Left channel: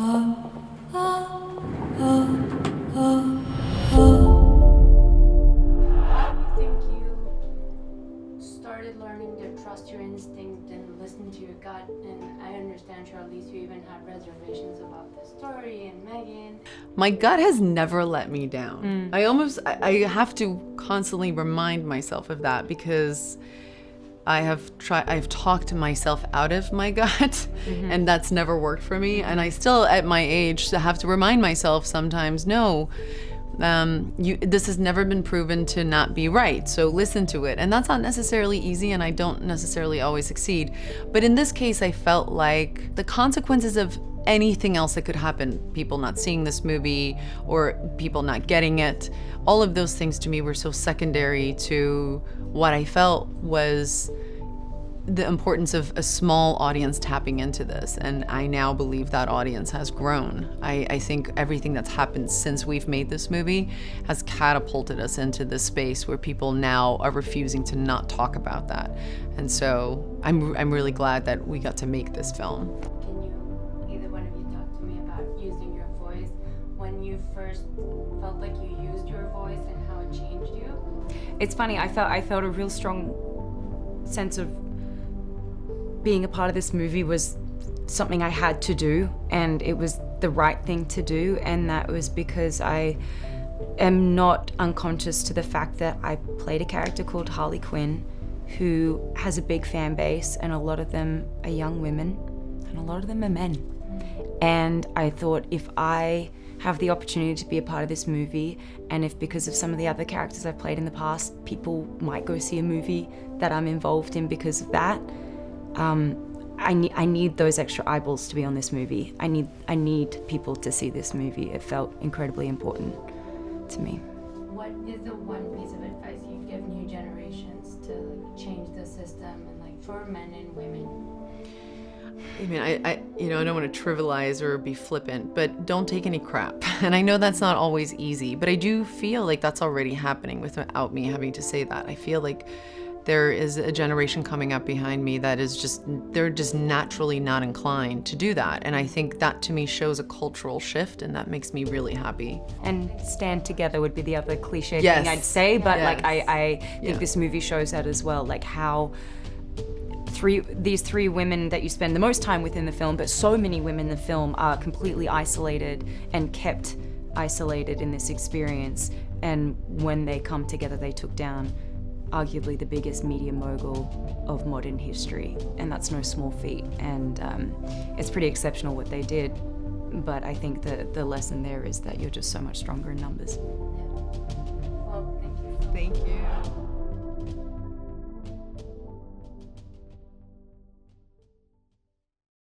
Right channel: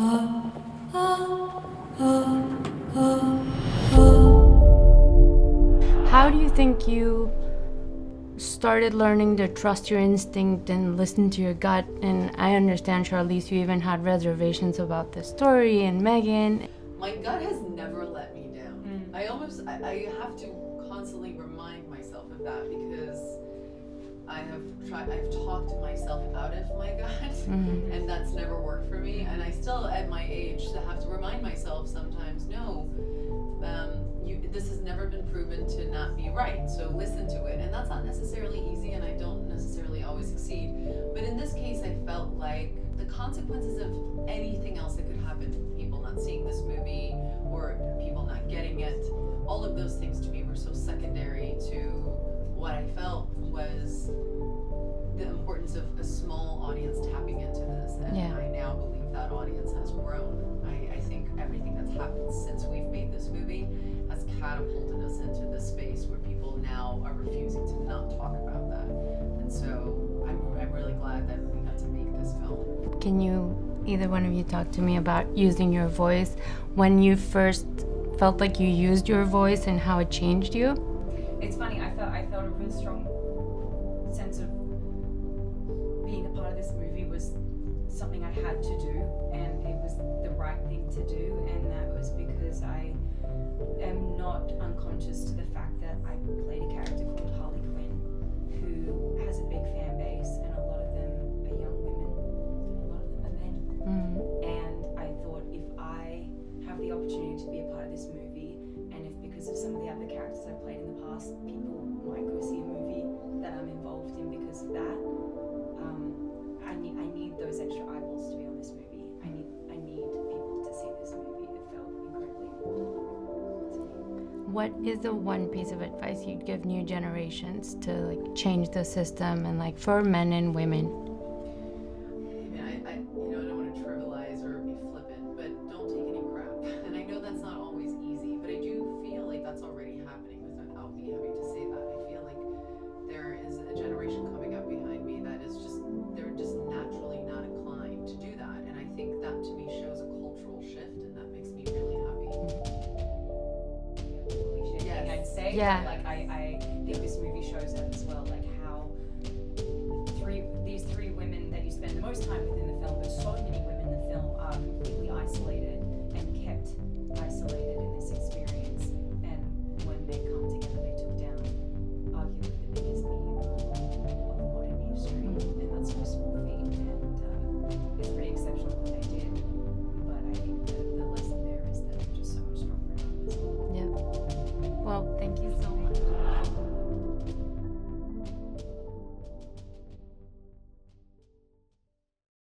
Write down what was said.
How do you think you started learning to trust your instinct and listen to your gut? And I understand, Charlize, you even had reservations about the story and Megan. My gut has never let me down. I have to constantly remind myself of that because I've talked myself out of my gut and that's never worked for me. And I still, at my age, have to remind myself sometimes, no, this has never been proven to not be right, so listen to it. And that's not necessarily easy, and I don't necessarily always succeed. But in this case, I felt like the consequences of anything else that could happen, people not seeing this movie or people not getting it, all of those things to me were so secondary to what I felt was the importance of a small audience tapping into this. And I now believe that audience has grown. I think everything that's happened since we've made this movie has catapulted us into this space where people now are refusing to not talk about that. And so I'm really glad that we got to make this film. Can you, either one of you, talk to me about using your voice, when you first felt like you used your voice and how it changed you? It's funny, I felt a real strong sense of being a part of this movie was something I had to do, and it was the right thing to do, and that was because I am not unconscious to the fact that I played a character called Harley Quinn who has a big fan base, and a lot of them are young women and a lot of them are men. And I thought, if I have the opportunity to be a part of this movie, and if because of some of the other characters I've played in the past, people might go see a movie that I'm involved in because of that, I need those extra eyeballs to be on this movie. I need people to see this movie. It felt incredibly important to me. What is the one piece of advice you'd give new generations to like change the system and like for men and women? I mean, I don't want to trivialize or be flippant, but don't take any crap. And I know that's not always easy, but I do feel like that's already happening without me having to say that. I feel like there is a generation coming up behind me that is they're just naturally not inclined to do that. And I think that to me shows a cultural shift, and that makes me really happy. And stand together would be the other cliche thing I'd say, but like I think this movie shows that as well, like how these three women that you spend the most time with in the film, but so many women in the film are completely isolated and kept isolated in this experience. And when they come together, they took down arguably the biggest media mogul of modern history, and that's no small feat. And it's pretty exceptional what they did, but I think the lesson there is that you're just so much stronger in numbers. Yeah. Well, thank you so much.